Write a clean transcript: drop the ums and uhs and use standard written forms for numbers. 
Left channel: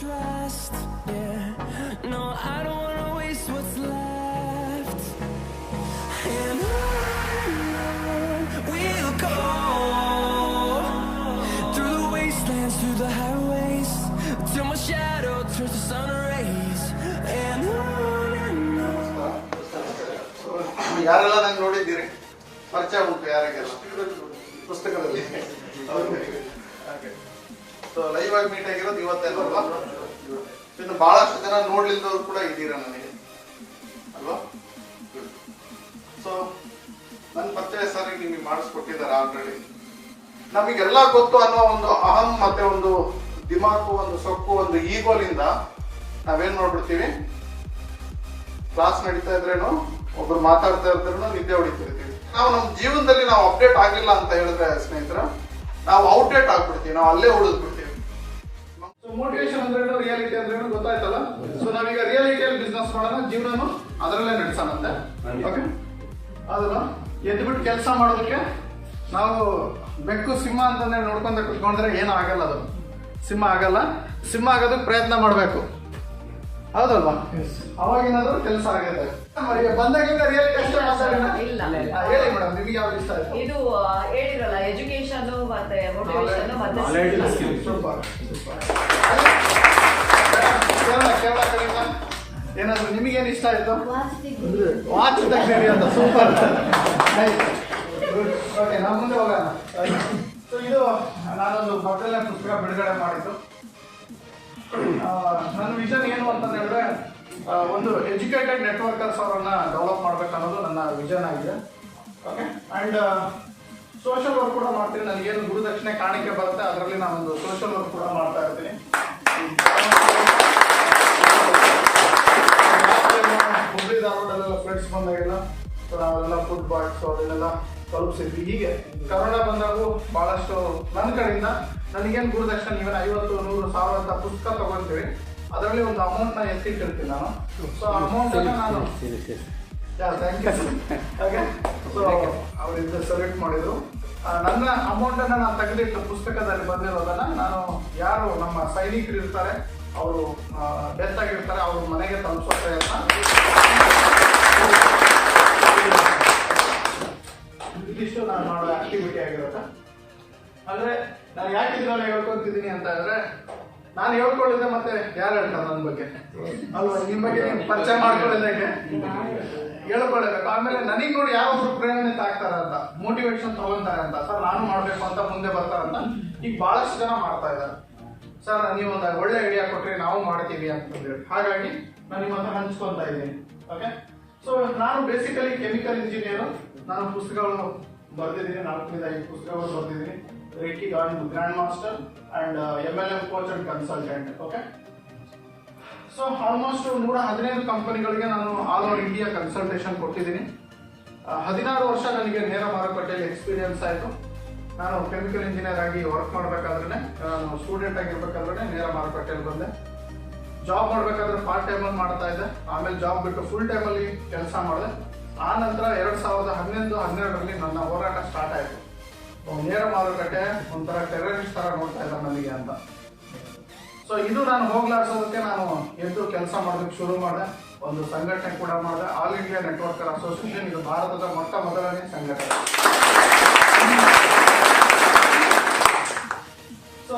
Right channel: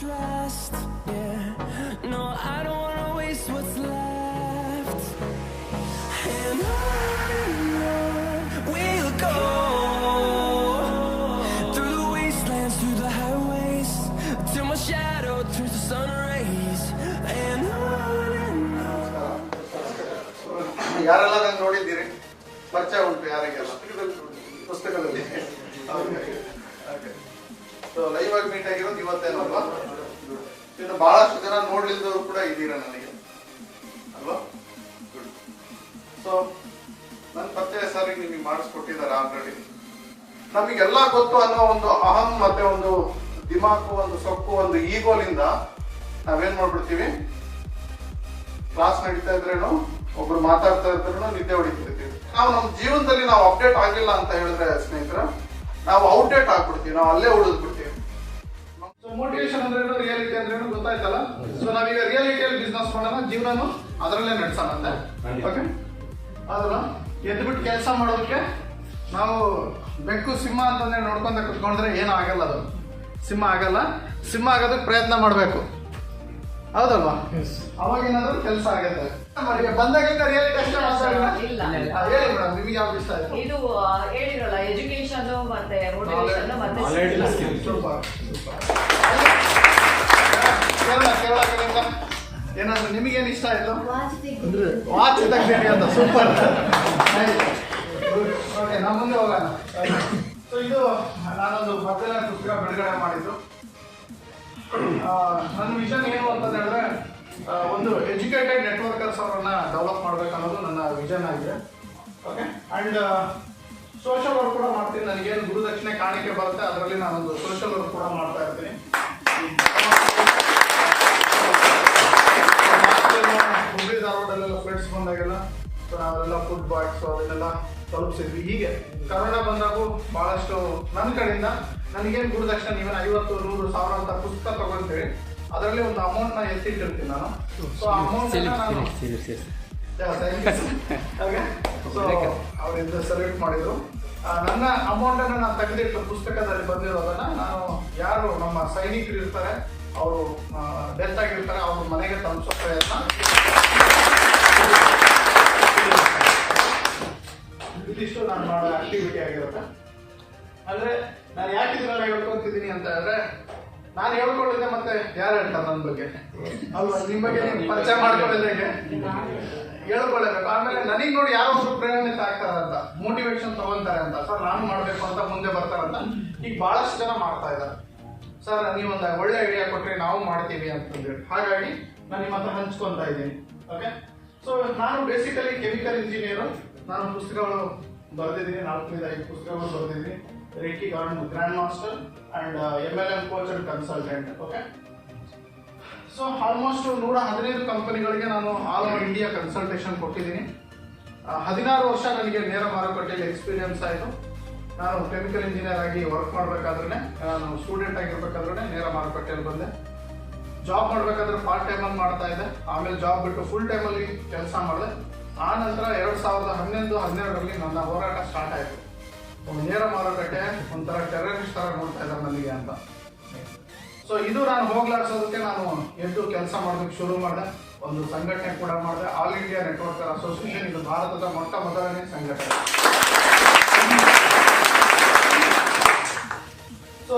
trust, yeah. No, I don't wanna waste what's left. And on we'll go, through the wastelands, through the highways, till my shadow turns to sun rays. And on. ಯಾರೆಲ್ಲ ನಂಗೆ ನೋಡಿದ್ದೀರಿ? ಪರಿಚಯ ಉಂಟು ಯಾರಿಗೆಲ್ಲ ಪುಸ್ತಕದಲ್ಲಿ? Live ಆಗಿ meet ಆಗಿರೋದು ಇವತ್ತೇನೋ ಅಲ್ವಾ? ಇನ್ನು ಬಹಳಷ್ಟು ಜನ ನೋಡ್ಲಿದ್ದವರು ಕೂಡ ಇದ್ದೀರಾ ನನಗೆ ಅಲ್ವಾ? ಸೊ ನನ್ನ ಪರಿಚಯ ಸರ್ ನಿಮಗೆ ಮಾಡಿಸ್ಕೊಟ್ಟಿದ್ದಾರೆ ಆಲ್ರೆಡಿ. ನಮಗೆಲ್ಲ ಗೊತ್ತು ಅನ್ನೋ ಒಂದು ಅಹಂ ಮತ್ತೆ ಒಂದು ದಿಮಾಕು, ಒಂದು ಸೊಕ್ಕು, ಒಂದು ಈಗೋಲಿಂದ ನಾವೇನ್ ಮಾಡ್ಬಿಡ್ತೀವಿ, ಕ್ಲಾಸ್ ನಡೀತಾ ಇದ್ರೇನು ಒಬ್ರು ಮಾತಾಡ್ತಾ ಇದ್ರೇನು ನಿದ್ದೆ ಹೊಡಿತಿರ್ತೀವಿ. ನಾವು ನಮ್ಮ ಜೀವನದಲ್ಲಿ ನಾವು ಅಪ್ಡೇಟ್ ಆಗ್ಲಿಲ್ಲ ಅಂತ ಹೇಳಿದ್ರೆ ಸ್ನೇಹಿತರ, ನಾವು ಔಟ್ಡೇಟ್ ಆಗ್ಬಿಡ್ತೀವಿ, ನಾವು ಅಲ್ಲೇ ಉಳಿದ್ಬಿಡ್ತೀವಿ. ಸೊ ಮೋಟಿವೇಶನ್ ಅಂದ್ರೆ ರಿಯಾಲಿಟಿ ಅಂದ್ರೆ ಗೊತ್ತಾಯ್ತಲ್ಲ. ಸೊ ನಾವೀಗ ರಿಯಾಲಿಟಿಯಲ್ಲಿ ಬಿಸ್ನೆಸ್ ಮಾಡೋಣ, ಜೀವನನು ಅದರಲ್ಲೇ ನಡೆಸೋಣಂತೆ. ಓಕೆ, ಅದಲ್ಲ ಎದ್ಬಿಟ್ಟು ಕೆಲಸ ಮಾಡೋದಕ್ಕೆ ನಾವು ಬೆಕ್ಕು ಸಿಂಹ ಅಂತಂದ್ರೆ ನೋಡ್ಕೊಂತ ಕುತ್ಕೊಂಡ್ರೆ ಏನೂ ಆಗಲ್ಲ. ಅದು ಸಿಂಹ ಆಗಲ್ಲ. ಸಿಂಹ ಆಗೋದಕ್ಕೆ ಪ್ರಯತ್ನ ಮಾಡಬೇಕು, ಹೌದಲ್ವಾ? ಅವಾಗೇನಾದ್ರೂ ಕೆಲಸ ಆಗುತ್ತೆ. ಬಂದಾಗಿಂದ ರಿಯಾಲಿಟಿ ಅಷ್ಟೇ ಮಾತಾಡಿನ ಹೇಳಿ ಮೇಡಮ್, ನಿಮ್ಗೆ ಯಾವ್ದು ಇಷ್ಟ ಆಯ್ತು? ಇದು ಹೇಳಿರಲ್ಲ, ಎಜುಕೇಶನ್ ಮತ್ತೆ ಮೋಟಿವೇಶನ್ ಮತ್ತೆ ಕೇರಳ ಕಡೆಯಿಂದ ಏನಾದ್ರು ನಿಮಗೇನು ಇಷ್ಟ ಆಯ್ತು? ವಾಚ್ ತೆಗ್ದೇಳಿ ಅಂತ. ಸೂಪರ್. ಓಕೆ, ನಮ್ಮ ಮುಂದೆ ಹೋಗೋಣ. ಸೊ ಇದು ನಾನೊಂದು ಮೊದಲನೇ ಪುಸ್ತಕ ಬಿಡುಗಡೆ ಮಾಡಿದ್ದು. ನನ್ನ ವಿಷನ್ ಏನು ಅಂತ ಹೇಳಿದ್ರೆ, ಒಂದು ಎಜುಕೇಟೆಡ್ ನೆಟ್ವರ್ಕರ್ಸ್ ಅವರನ್ನ ಡೆವಲಪ್ ಮಾಡ್ಬೇಕು ಅನ್ನೋದು ನನ್ನ ವಿಷನ್ ಆಗಿದೆ. ಓಕೆ, ಅಂಡ್ ಸೋಷಿಯಲ್ ವರ್ಕ್ ಕೂಡ ಮಾಡ್ತೀನಿ. ನನಗೇನು ಗುರುದಕ್ಷಿಣೆ ಕಾಣಿಕೆ ಬರುತ್ತೆ ಅದರಲ್ಲಿ ನಾನೊಂದು ಸೋಷಿಯಲ್ ವರ್ಕ್ ಕೂಡ ಮಾಡ್ತಾ ಇರ್ತೀನಿ. ಹುಬ್ಬಳ್ಳಿ ಧಾರವಾಡಲ್ಲೆಲ್ಲ ಫ್ರೆಂಡ್ಸ್ ಬಂದಾಗೆಲ್ಲ ಸೊ ನಾವೆಲ್ಲ ಫುಡ್ ಬಾಕ್ಸ್ ಅದನ್ನೆಲ್ಲ ತಲುಪಿಸಿದ್ವಿ. ಹೀಗೆ ಕರೋನಾ ಬಂದಾಗೂ ಬಹಳಷ್ಟು ನನ್ನ ಕಡೆಯಿಂದ ನನಗೇನು ಗುರುದಕ್ಷಿಣೆ, ಇವನ್ 50, 100, 1000 ಅಂತ ಪುಸ್ತಕ ತಗೊಳ್ತೀವಿ, ಅದರಲ್ಲಿ ಒಂದು ಅಮೌಂಟ್ ನ ಎತ್ತಿಟ್ಟಿರ್ತೀನಿ ನಾನು. ಸೊ ಅಮೌಂಟ್ ನಾನು ಹಾಗೆ ಸೊ ಅವರಿಂದ ಸೆಲೆಕ್ಟ್ ಮಾಡಿದ್ರು. ನನ್ನ ಅಮೌಂಟ್ ಅನ್ನ ನಾನು ತೆಗೆದಿಟ್ಟು ಪುಸ್ತಕದಲ್ಲಿ ಬಂದಿರೋದನ್ನ ನಾನು ಯಾರು ನಮ್ಮ ಸೈನಿಕರು ಇರ್ತಾರೆ, ಅವರು ಡೆತ್ ಆಗಿರ್ತಾರೆ, ಅವ್ರ ಮನೆಗೆ ತಲುಪಿಸೋ ಪ್ರಯತ್ನ. ಇದಿಷ್ಟು ನಾನು ಮಾಡೋ ಆಕ್ಟಿವಿಟಿ ಆಗಿರುತ್ತೆ. ಅಂದ್ರೆ ನಾನು ಯಾಕೆ ಇದನ್ನ ಹೇಳ್ಕೊಂತಿದ್ದೀನಿ ಅಂತ ಹೇಳಿದ್ರೆ, ನಾನು ಹೇಳ್ಕೊಳ್ಳಿದ್ದೆ ಮತ್ತೆ ಯಾರು ಹೇಳ್ತಾರೆ ನನ್ನ ಬಗ್ಗೆ ಅಲ್ವಾ? ನಿಮ್ಮ ಬಗ್ಗೆ ಪರಿಚಯ ಮಾಡ್ಕೊಳ್ಳಿದ್ರೆ ಹೇಳ್ಕೊಳ್ಳೇಬೇಕು. ಆಮೇಲೆ ನನಗೆ ನೋಡಿ ಯಾರೊಬ್ರು ಪ್ರೇರಣೆ ಆಗ್ತಾರೆ ಅಂತ, ಮೋಟಿವೇಶನ್ ತಗೊಂತಾರೆ ಅಂತ, ಸರ್ ನಾನು ಮಾಡ್ಬೇಕು ಅಂತ ಮುಂದೆ ಬರ್ತಾರಂತ ಈಗ ಬಹಳಷ್ಟು ಜನ ಮಾಡ್ತಾ ಇದ್ದಾರೆ. ಸರ್ ನೀವೊಂದು ಒಳ್ಳೆ ಐಡಿಯಾ ಕೊಟ್ರೆ ನಾವು ಮಾಡ್ತೀವಿ ಅಂತಂದೇಳಿ, ಹಾಗಾಗಿ ನಾನು ನಿಮ್ಮ ಹತ್ರ ಹಂಚ್ಕೊಂತ ಇದ್ದೀನಿ. ಓಕೆ, ಸೊ ನಾನು ಬೇಸಿಕಲಿ ಕೆಮಿಕಲ್ ಇಂಜಿನಿಯರ್. ನಾನು ಪುಸ್ತಕಗಳು ಬರೆದಿದ್ದೀನಿ, 4-5 ಪುಸ್ತಕಗಳು ಬರೆದಿದ್ದೀನಿ. Reiki grand master and MLM coach and consultant. Okay, so almost 115 ಕಂಪನಿಗಳಿಗೆ ನಾನು ಆಲ್ ಓವರ್ ಇಂಡಿಯಾ ಕನ್ಸಲ್ಟೇಷನ್ ಕೊಟ್ಟಿದ್ದೀನಿ. 16 ವರ್ಷ ನನಗೆ ನೇರ ಮಾರುಕಟ್ಟೆಯಲ್ಲಿ ಎಕ್ಸ್ಪೀರಿಯನ್ಸ್ ಆಯಿತು. ನಾನು ಕೆಮಿಕಲ್ ಇಂಜಿನಿಯರ್ ಆಗಿ ವರ್ಕ್ ಮಾಡಬೇಕಾದ್ರೆ, ನಾನು ಸ್ಟೂಡೆಂಟ್ ಆಗಿರ್ಬೇಕಾದ್ರೆ ನೇರ ಮಾರುಕಟ್ಟೆಯಲ್ಲಿ ಬಂದೆ. ಜಾಬ್ ಮಾಡಬೇಕಾದ್ರೆ ಪಾರ್ಟ್ ಟೈಮಲ್ಲಿ ಮಾಡ್ತಾ ಇದ್ದೆ. ಆಮೇಲೆ ಜಾಬ್ ಬಿಟ್ಟು ಫುಲ್ ಟೈಮಲ್ಲಿ ಕೆಲಸ ಮಾಡಿದೆ. ಆ ನಂತರ 2011-12ರಲ್ಲಿ ನನ್ನ ಹೋರಾಟ ಸ್ಟಾರ್ಟ್ ಆಯಿತು. ನೇರ ಮಾರುಕಟ್ಟೆ ಒಂಥರ ಟೆರರಿಸ್ಟ್ ಥರ ನೋಡ್ತಾ ಇದ್ದಾರೆ ನನಗೆ ಅಂತ. ಸೊ ಇದು ನಾನು ಹೋಗ್ಲಾಡ್ಸೋದಕ್ಕೆ ನಾನು ಎದ್ದು ಕೆಲಸ ಮಾಡೋದಕ್ಕೆ ಶುರು ಮಾಡಿದೆ. ಒಂದು ಸಂಘಟನೆ ಕೂಡ ಮಾಡಿದೆ, ಆಲ್ ಇಂಡಿಯಾ ನೆಟ್ವರ್ಕರ್ ಅಸೋಸಿಯೇಷನ್. ಇದು ಭಾರತದ ಮೊದಲನೇ ಸಂಘಟನೆ. ಸೊ